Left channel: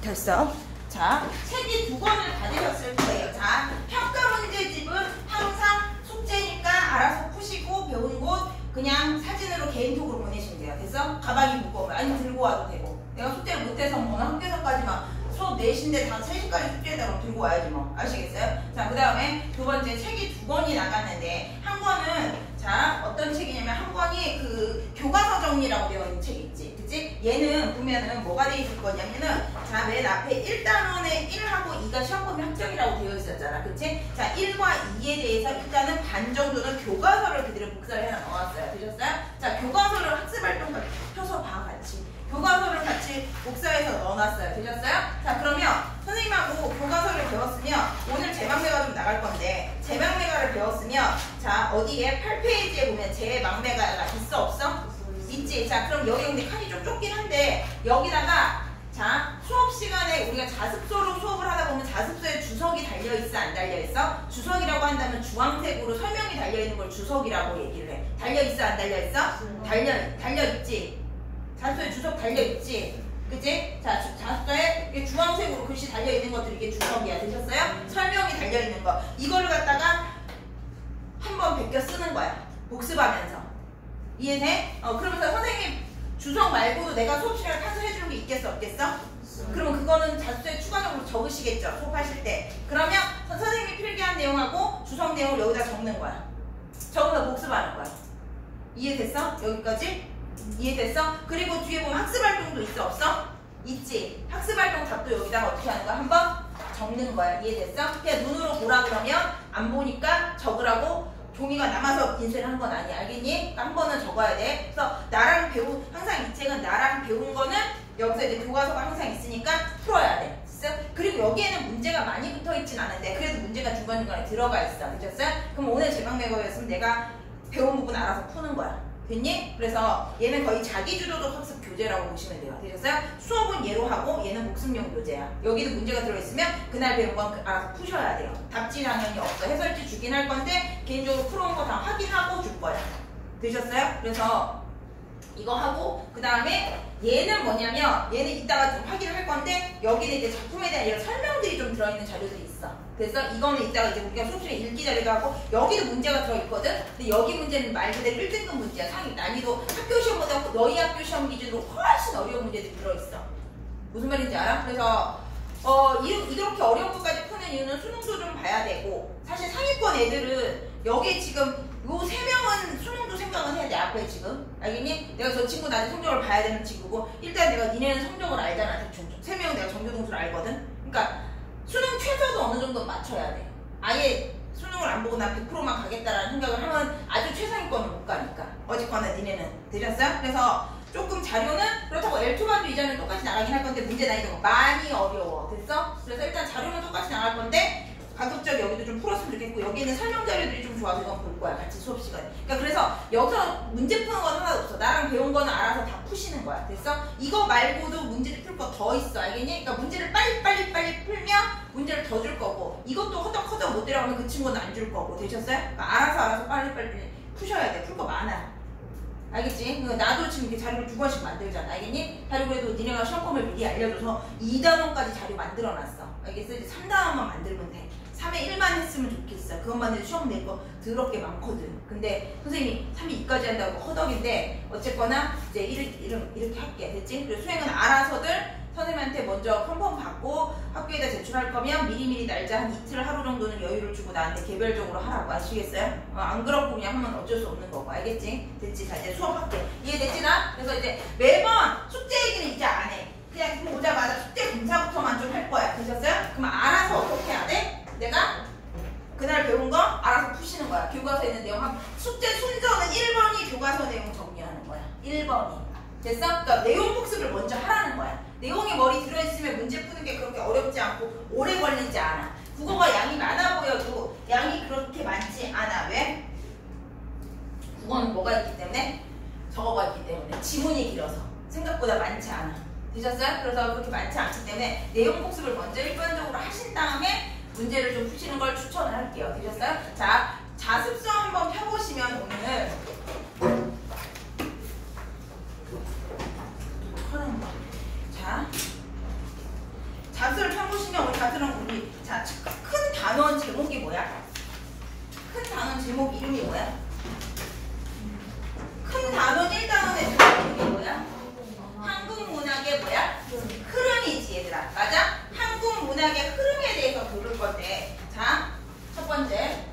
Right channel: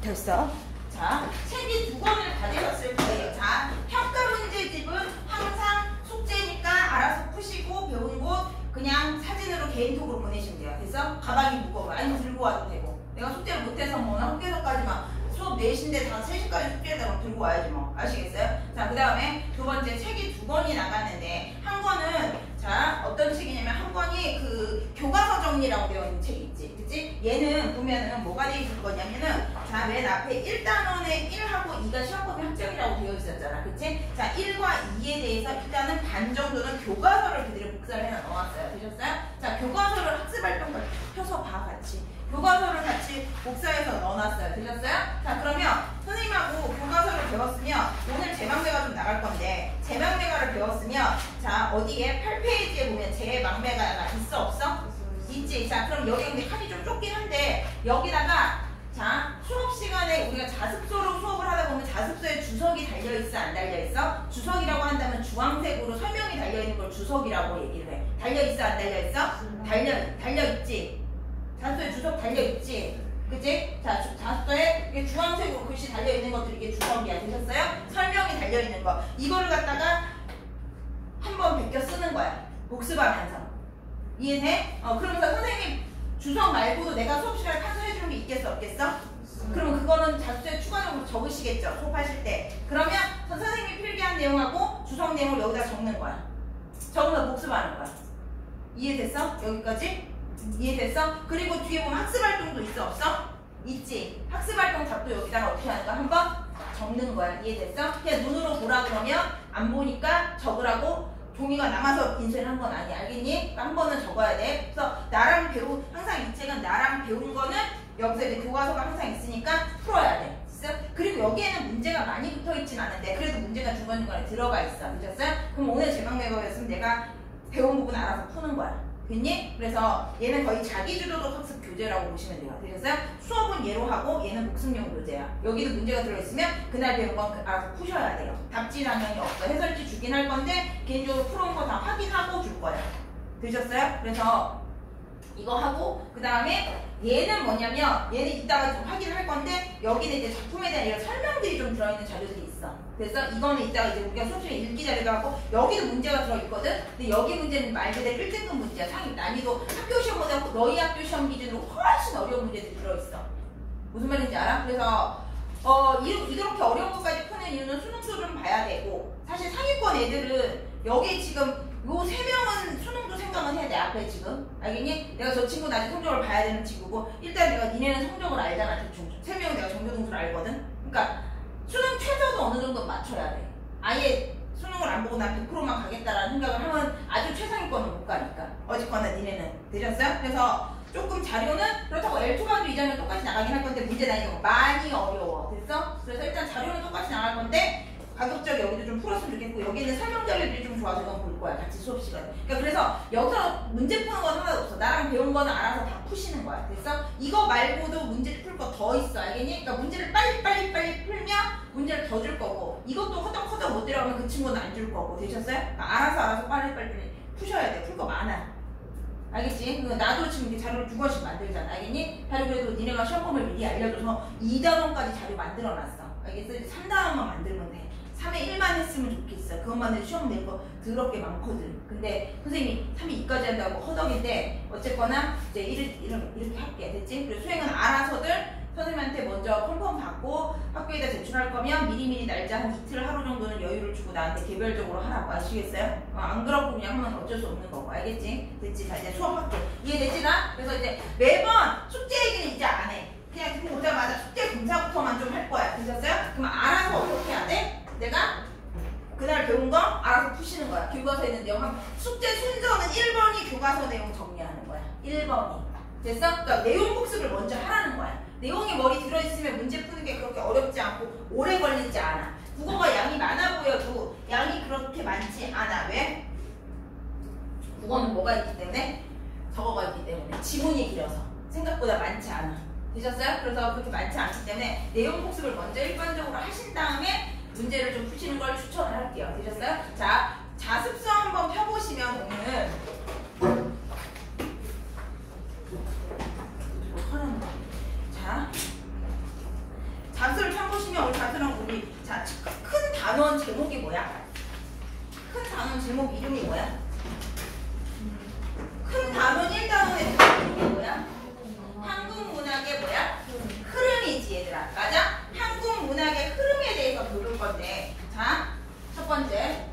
됐어. 자, 책이 2권을 받으셨을 거예요. 자, 평가 문제집은 항상 숙제니까 알아서 푸시고 배운 곳 그냥 사진으로 개인톡으로 보내시면 돼요. 됐어? 가방이 무거우면 아니면 들고 와도 되고. 내가 숙제를 못해서 뭐 학교에서까지만 수업 4시인데 다 3시까지 숙제에다가 들고 와야지 뭐. 아시겠어요? 자, 그 다음에 2번째 책이 2권이 나갔는데 한 권은 자, 어떤 책이냐면 한 권이 그 교과서 정리라고 되어 있는 책이 있지. 그치? 얘는 보면은 뭐가 되어 있을 거냐면은 자, 맨 앞에 1단원에 1하고 2가 시험범위 합정이라고 되어 있었잖아. 그치? 자, 1과 2에 대해서 일단은 반 정도는 교과서를 그대로 복사를 해서 넣었어요. 되셨어요? 자, 교과서를 학습활동을 펴서 봐, 같이. 교과서를 같이 복사해서 넣어놨어요. 되셨어요? 자, 그러면 선생님하고 교과서를 배웠으면 오늘 제방매가 좀 나갈 건데 제방매가를 배웠으면 자, 어디에 8페이지에 보면 제방매가가 있어 없어? 있지. 자, 그럼 여기 근데 칸이 좀 좁긴 한데 여기다가 자, 수업 시간에 우리가 자습서로 수업을 하다 보면 자습서에 주석이 달려있어 안 달려있어? 주석이라고 한다면 주황색으로 설명이 달려있는 걸 주석이라고 얘기를 해. 달려있어 안 달려있어? 달려있지. 자습서에 주석 달려있지. 그치? 자, 자습서에 이게 주황색으로 글씨 달려있는 것들이 이게 주석이야. 되셨어요? 설명이 달려있는 거. 이거를 갖다가 한번 베껴 쓰는 거야. 복습하면서. 이해돼? 그러면서 선생님 주석 말고도 내가 수업 시간에 판서해주는 게 있겠어 없겠어? 그러면 그거는 자습서에 추가적으로 적으시겠죠? 수업하실 때. 그러면 선생님이 필기한 내용하고 주석 내용을 여기다 적는 거야. 적으면 복습하는 거야. 이해됐어? 여기까지? 이해됐어? 그리고 뒤에 보면 학습활동도 있어 없어? 있지. 학습활동 답도 여기다가 어떻게 하는가 한번 적는 거야. 이해됐어? 그냥 눈으로 보라 그러면 안 보니까 적으라고 종이가 남아서 인쇄를 한 건 아니야. 알겠니? 그러니까 한 번은 적어야 돼. 그래서 나랑 항상 이 책은 나랑 배운 거는 여기서 이제 교과서가 항상 있으니까 풀어야 돼. 그리고 여기에는 문제가 많이 붙어 있진 않은데 그래도 문제가 중간중간에 들어가 있어. 되셨어요? 그럼 오늘 제방매거였으면 내가 배운 부분 알아서 푸는 거야. 됐니? 그래서 얘는 거의 자기주도적 학습 교재라고 보시면 돼요. 되셨어요? 수업은 얘로 하고 얘는 복습용 교재야. 여기도 문제가 들어있으면 그날 배운 건 알아서 푸셔야 돼요. 답지라는 게 없어. 해설지 주긴 할 건데 개인적으로 풀어온 거 다 확인하고 줄 거예요. 되셨어요? 그래서 이거 하고 그 다음에 얘는 뭐냐면 얘는 이따가 좀 확인을 할 건데 여기는 이제 작품에 대한 이런 설명들이 좀 들어있는 자료들이 있어. 그래서 이거는 이따가 이제 우리가 수업시간에 읽기 자료도 하고 여기도 문제가 들어있거든. 근데 여기 문제는 말 그대로 1등급 문제야. 상위 난이도 학교 시험보다 너희 학교 시험 기준으로 훨씬 어려운 문제들이 들어있어. 무슨 말인지 알아? 그래서 이렇게 어려운 것까지 푸는 이유는 수능도 좀 봐야 되고 사실 상위권 애들은 여기 지금 요 3명은 수능도 생각은 해야 돼. 앞에 지금 알겠니? 내가 저 친구 나중에 성적을 봐야 되는 친구고 일단 내가 니네는 성적을 알잖아. 대충 3명은 내가 정규동수를 알거든. 그러니까 수능 최저도 어느 정도 맞춰야 돼. 아예 수능을 안 보고 난 100%만 가겠다라는 생각을 하면 아주 최상위권을 못 가니까. 어쨌거나 니네는 되셨어요? 그래서 조금 자료는 그렇다고 L2반도 이제는 똑같이 나가긴 할 건데 문제 난이도가 많이 어려워. 됐어? 그래서 일단 자료는 똑같이 나갈 건데 가급적 여기도 좀 풀었으면 좋겠고 여기는 설명 자료들이 좀 좋아서 이건 볼 거야. 같이 수업 시간에. 그러니까 그래서 여기서 문제 푸는 건 하나도 없어. 나랑 배운 거는 알아서 다 푸시는 거야. 됐어? 이거 말고도 문제를 풀 거 더 있어. 알겠니? 그러니까 문제를 빨리 풀면 문제를 더 줄 거고 이것도 허덕허덕 못 들어가면 그 친구는 안 줄 거고. 되셨어요? 그러니까 알아서 빨리 푸셔야 돼. 풀 거 많아. 알겠지? 나도 지금 이렇게 자료를 2권씩 만들잖아. 알겠니? 자료 그래도 니네가 시험범을 미리 알려줘서 2단원까지 자료 만들어놨어. 알겠어? 3단원만 만들면 돼. 3회 1만 했으면 좋겠어. 그것만 해도 시험 낼 거 더럽게 많거든. 근데 선생님이 3회 2까지 한다고 허덕인데 어쨌거나 이제 이렇게 할게. 됐지? 그리고 수행은 알아서들 선생님한테 먼저 컨펌 받고 학교에다 제출할 거면 미리미리 날짜 한 이틀 하루 정도는 여유를 주고 나한테 개별적으로 하라고. 아시겠어요? 안 그렇고 그냥 하면 어쩔 수 없는 거고. 알겠지? 됐지? 자 이제 수업할게. 이해됐지 나? 그래서 이제 매번 숙제 얘기는 이제 안 해. 그냥 보자마자 숙제 검사부터만 좀 할 거야. 되셨어요? 그럼 알아서 어떻게 해야 돼? 내가 그날 배운 거 알아서 푸시는 거야. 교과서에 있는 내용. 숙제 순서는 1번이 교과서 내용 정리하는 거야. 1번이. 됐어? 그러니까 내용 복습을 먼저 하라는 거야. 내용이 머리 들어있으면 문제 푸는 게 그렇게 어렵지 않고 오래 걸리지 않아. 국어가 양이 많아 보여도 양이 그렇게 많지 않아. 왜? 국어는 뭐가 있기 때문에? 적어가 있기 때문에. 지문이 길어서. 생각보다 많지 않아. 되셨어요? 그래서 그렇게 많지 않기 때문에 내용 복습을 먼저 일반적으로 하신 다음에 문제를 좀 푸시는 걸 추천을 할게요. 되셨어요? 자, 자습서 한번 펴보시면 오늘 자, 보시면 우리 같은 우리 자, 큰 단원 제목이 뭐야? 큰 단원 제목 이름이 뭐야? 큰 단원 1단원의 제목이 뭐야? 한국 문학의 뭐야? 흐름이지 얘들아. 맞아? 한국 문학의 흐름에 대해서 배울 건데 자, 첫 번째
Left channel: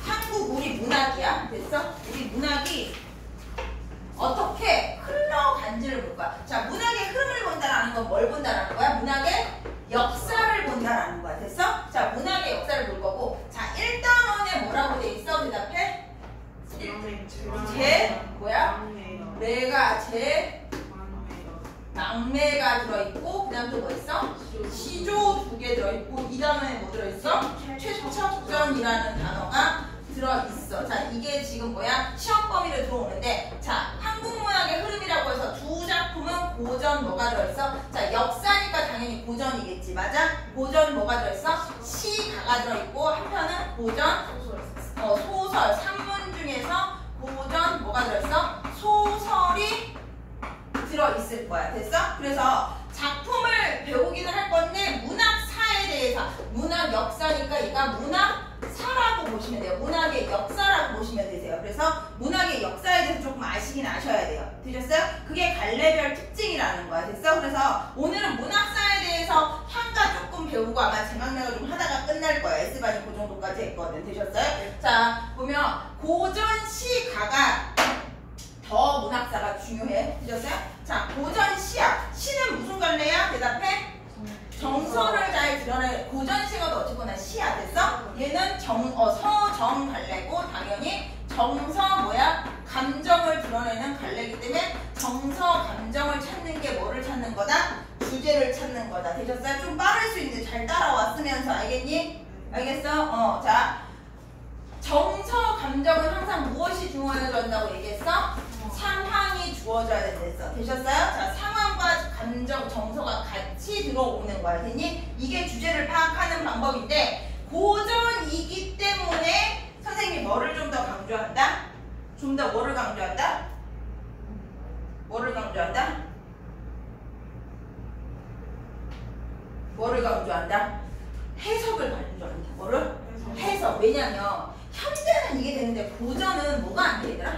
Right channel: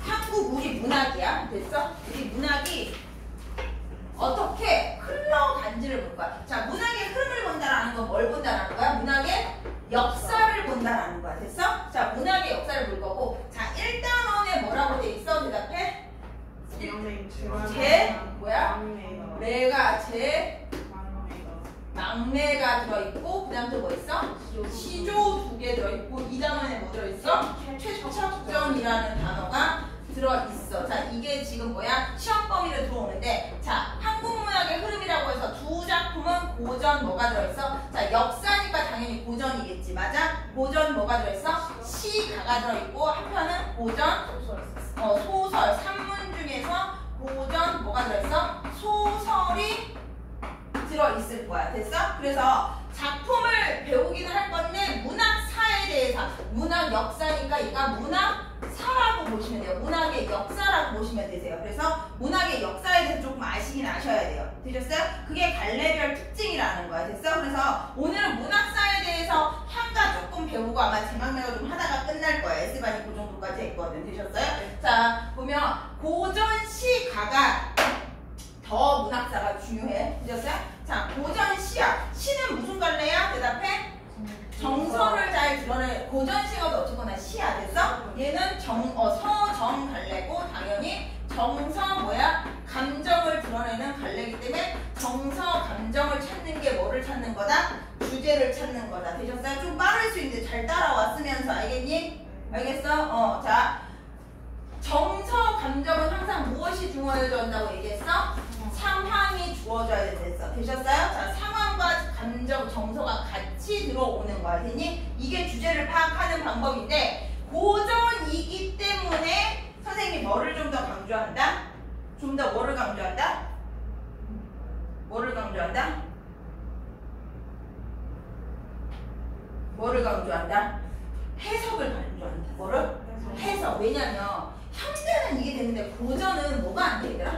한국 우리 문학이야. 됐어? 우리 문학이 어떻게 흘러간지를 볼 거야. 자, 문학의 흐름을 본다라는 건 뭘 본다라는 거야? 문학의 역사를 본다라는 거야. 됐어? 자, 문학의 역사를 볼 거고 자, 1단원에 뭐라고 돼 있어? 대답해. 뭐야? 매가 낭매가 들어있고 그 다음 또 뭐 있어? 시조 2개 들어있고 2단원에 뭐 들어있어? 최척전이라는 단어가 들어있어. 자, 이게 지금 뭐야? 시험 범위로 들어오는데 자, 한국문학의 흐름이라고 해서 두 작품은 고전 뭐가 들어있어? 자, 역사니까 당연히 고전이겠지. 맞아? 고전 뭐가 들어있어? 시가가 들어있고 한편은 고전 소설 3문 중에서 고전 뭐가 들어있어? 소설이 들어있을 거야. 됐어? 그래서 작품을 배우기는 할 건데 문학사에 대해서 문학 역사니까 얘가 문학사라고 보시면 돼요. 문학의 역사라고 보시면 되세요. 그래서 문학의 역사에 대해서 조금 아시긴 아셔야 돼요. 되셨어요? 그게 갈래별 특징이라는 거야. 됐어? 그래서 오늘은 문학사에 대해서 향가 조금 배우고 아마 제망매가 좀 하다가 끝날 거야. S반이 그 정도까지 했거든. 되셨어요? 자, 보면 고전 시가가 더 문학사가 중요해. 되셨어요? 자, 고전 시야. 시는 무슨 갈래야? 대답해. 정서를 잘 드러내. 고전 시가도 어쨌거나 시야. 됐어? 얘는 서정 갈래고 당연히 정서 뭐야? 감정을 드러내는 갈래이기 때문에 정서 감정을 찾는 게 뭐를 찾는 거다? 주제를 찾는 거다. 되셨어요? 좀 빠를 수 있는데 잘 따라왔으면서 알겠니? 알겠어? 자, 정서 감정은 항상 무엇이 주어져야 한다고 얘기했어? 상황이 주어져야 된댔어. 되셨어요? 자, 상황과 감정, 정서가 같이 들어오는 거야. 됐니? 이게 주제를 파악하는 방법인데 고전이기 때문에 선생님이 뭐를 좀 더 강조한다? 좀 더 뭐를 강조한다? 뭐를 강조한다? 뭐를 강조한다? 해석을 강조한다. 뭐를? 해석. 왜냐면 현대는 이게 되는데 고전은 뭐가 안 되더라?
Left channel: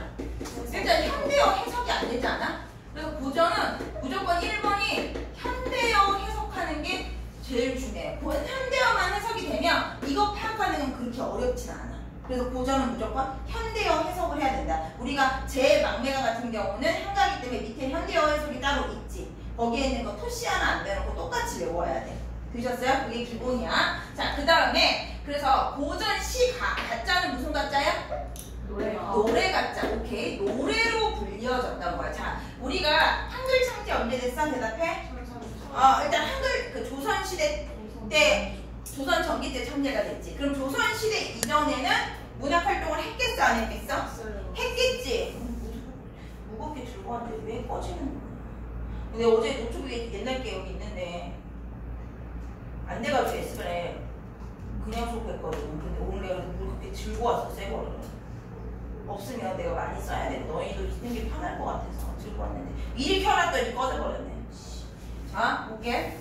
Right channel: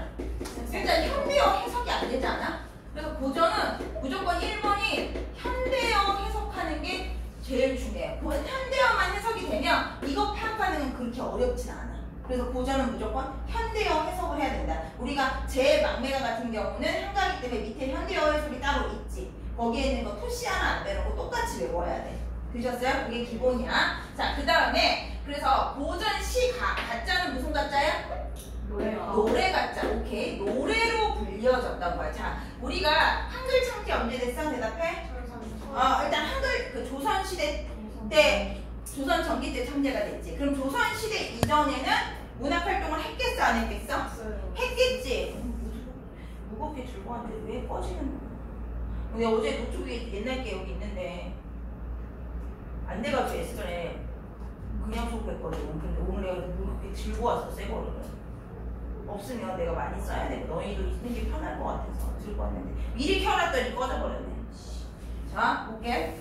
일단 현대어 해석이 안 되지 않아? 그래서 고전은 무조건 1번이 현대어 해석하는 게 제일 중요해. 현대어만 해석이 되면 이거 파악하는 건 그렇게 어렵진 않아. 그래서 고전은 무조건 현대어 해석을 해야 된다. 우리가 제 막매가 같은 경우는 한가기 때문에 밑에 현대어 해석이 따로 있지. 거기에 있는 거 토시 하나 안 빼놓고 똑같이 외워야 돼. 되셨어요? 그게 기본이야. 자, 그 다음에 그래서 고전 시 가짜는 무슨 가짜야? 노래 가짜. 오케이. 노래로 불려졌던 거야. 자, 우리가 한글 창제 언제 됐어? 대답해. 일단 한글 그 조선시대 때 조선 전기 때 창제가 됐지. 그럼 조선시대 이전에는 문학 활동을 했겠어? 안 했겠어? 했겠지. 무겁게 들고 왔는데 왜 꺼지는 거야? 근데 어제 노트북에 옛날 게 여기 있는데 안 돼가지고 S번에 그냥 쏟고 했거든. 근데 오늘 내가 무겁게 들고 왔어. 새 거를. 없으면 내가 많이 써야 돼. 너희도 있는 게 편할 것 같아서 들고 왔는데 미리 켜놨더니 꺼져버렸네. 자, 볼게.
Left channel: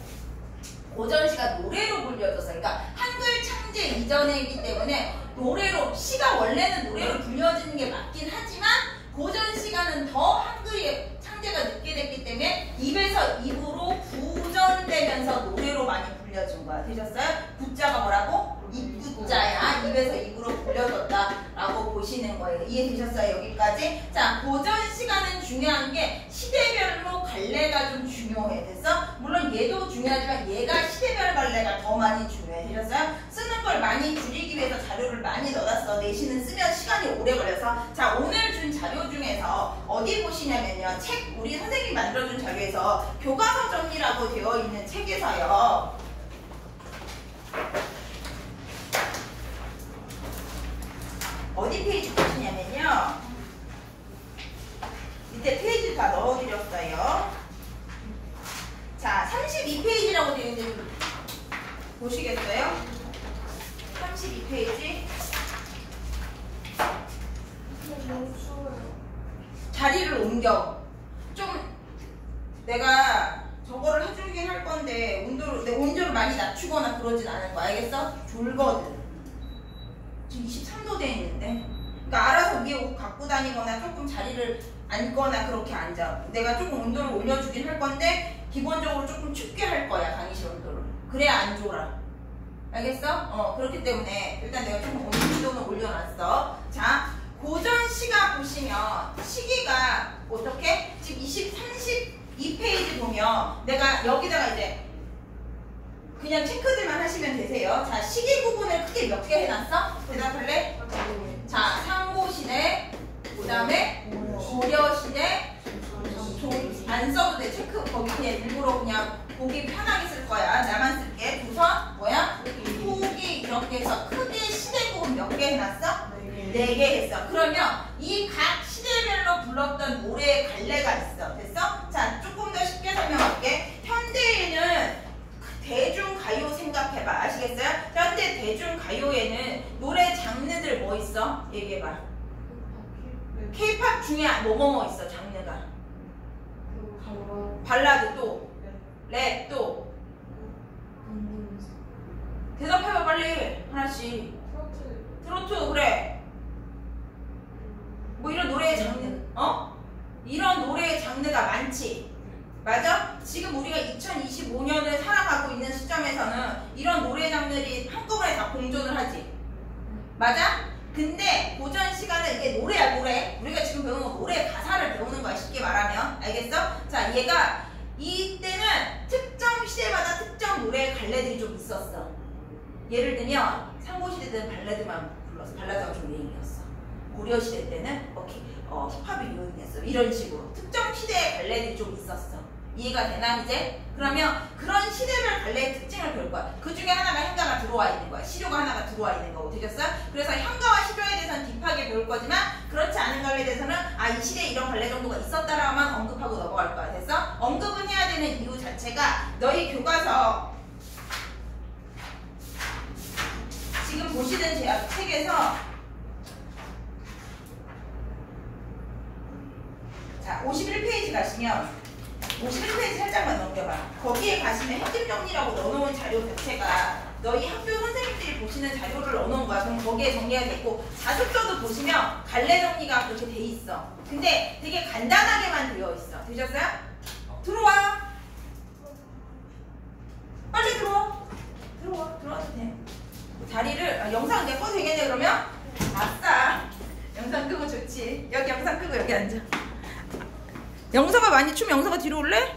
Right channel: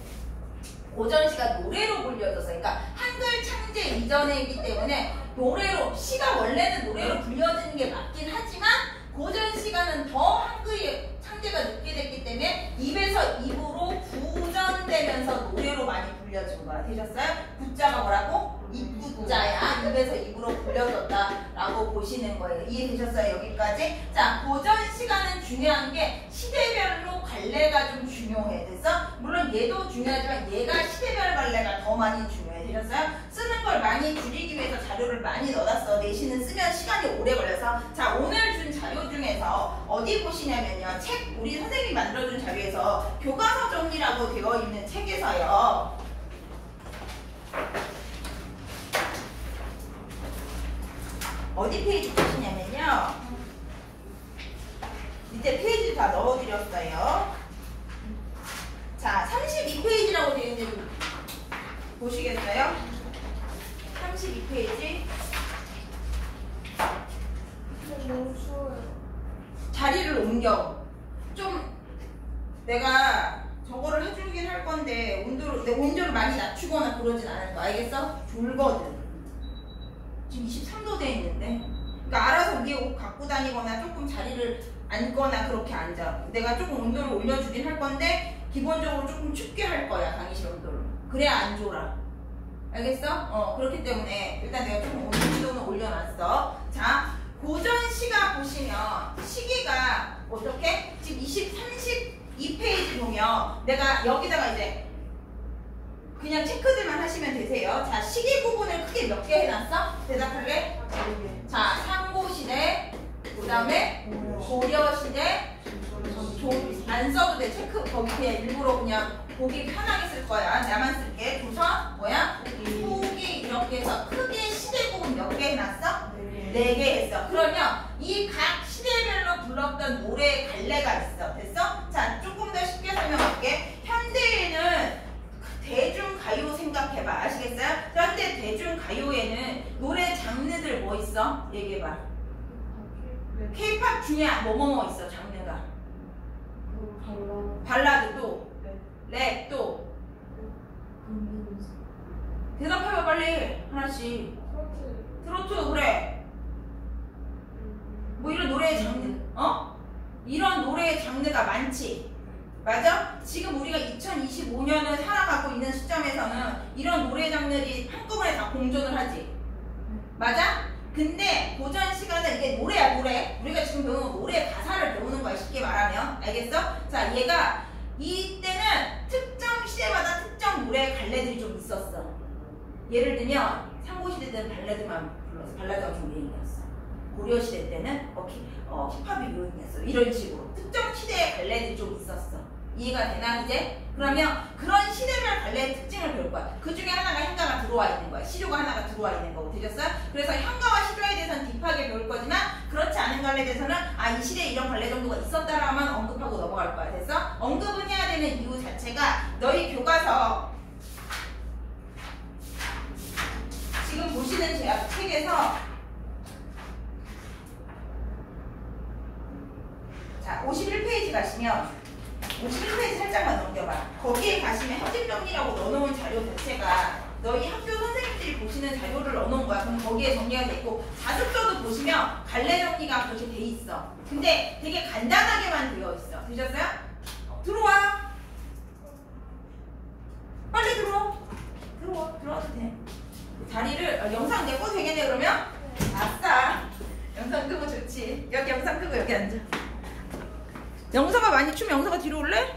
고전시가 노래로 불려져서 그러니까 한글 창제 이전이기 때문에 노래로 시가 원래는 노래로 불려지는 게 맞긴 하지만 고전시가는 더 한글의 창제가 늦게 됐기 때문에 입에서 입으로 구전되면서 노래로 많이 불려진 거야. 되셨어요? 구자가 뭐라고? 입구자야. 입에서 입으로 불려졌다라고 보시는 거예요. 이해되셨어요? 여기까지? 자, 고전 시간은 중요한 게 시대별로 갈래가 좀 중요해. 됐어? 물론 얘도 중요하지만 얘가 시대별 갈래가 더 많이 중요해. 되셨어요? 쓰는 걸 많이 줄이기 위해서 자료를 많이 넣어놨어. 내신은 쓰면 시간이 오래 걸려서. 자, 오늘 준 자료 중에서 어디 보시냐면요. 책, 우리 선생님이 만들어준 자료에서 교과서 정리라고 되어 있는 책에서요. 어디 페이지 보시냐면요. 밑에 페이지 다 넣어드렸어요. 자, 32페이지라고 되어 있는데 좀 보시겠어요? 32페이지. 너무 추워요. 옮겨. 좀 내가 저거를 해주긴 할 건데 내 온도를 많이 낮추거나 그러진 않을 거야. 알겠어? 졸거든. 지금 23도 돼 있는데. 그러니까 알아서 위에 옷 갖고 다니거나 조금 자리를 앉거나 그렇게 앉아. 내가 조금 온도를 올려주긴 할 건데 기본적으로 조금 춥게 할 거야. 강의실 온도를. 그래야 안 졸아. 알겠어? 그렇기 때문에 일단 내가 조금 온도는 올려놨어. 자, 고전 시가 보시면 시계가 어떻게? 지금 32페이지 보면 내가 여기다가 이제 그냥 체크들만 하시면 되세요. 자, 시계 부분을 크게 몇 개 해놨어? 대답할래? 자, 상고시대, 그 다음에 고려시대, 안 써도 돼. 체크 거기 그냥 일부러 그냥 보기 편하게 쓸 거야. 나만 쓸게. 두서 뭐야? 후기 이렇게 해서 크게 시대 부분 몇 개 해놨어? 4개 했어. 그러면 이 각 시대별로 불렀던 노래의 갈래가 있어. 됐어? 자, 조금 더 쉽게 설명할게. 현대에는 대중가요 생각해봐. 아시겠어요? 현대 대중가요에는 노래 장르들 뭐 있어? 얘기해봐. K-팝 중에 뭐뭐 있어? 장르가. 발라드 또 랩 또 대답해봐 빨리 하나씩. 트로트 그래. 뭐 이런 노래의 장르 이런 노래의 장르가 많지. 맞아? 지금 우리가 2025년을 살아가고 있는 시점에서는 이런 노래 장르들이 한꺼번에 다 공존을 하지. 맞아? 근데 고전 시간은 이게 노래야 노래. 우리가 지금 배우는 건 노래 가사를 배우는 거야 쉽게 말하면. 알겠어? 자, 얘가 이때는 특정 시대마다 특정 노래의 갈래들이 좀 있었어. 예를 들면 상고시대 때는 발라드만 불렀어. 발라드가 좀 유행이었어. 고려시대 때는 힙합이 유행이었어. 이런 식으로 특정 시대의 갈래들이 좀 있었어. 이해가 되나 이제? 그러면 그런 시대별 갈래의 특징을 배울 거야. 그 중에 하나가 현가가 들어와 있는 거야. 시조가 하나가 들어와 있는 거고. 되셨어요? 그래서 현가와 시조에 대해서는 딥하게 배울 거지만 그렇지 않은 갈래에 대해서는 이 시대에 이런 갈래 정도가 있었다라만 언급하고 넘어갈 거야. 됐어? 언급은 해야 되는 이유 자체가 너희 교과서 지금 보시는 책에서 자 51페이지 가시면 51페이지 살짝만 넘겨봐. 거기에 가시면 핵심 정리라고 넣어놓은 자료 자체가 너희 학교 선생님들이 보시는 자료를 넣어놓은 거야. 그럼 거기에 정리가 돼 있고 자습서도 보시면 갈래 정리가 그렇게 돼 있어. 근데 되게 간단하게만 되어 있어. 되셨어요? 들어와. 빨리 들어와. 들어와도 돼. 자리를 영상 내 꺼도 되겠네 그러면? 아싸. 영상 끄고 좋지. 여기 영상 끄고 여기 앉아. 영서가 많이 추면 영서가 뒤로 올래?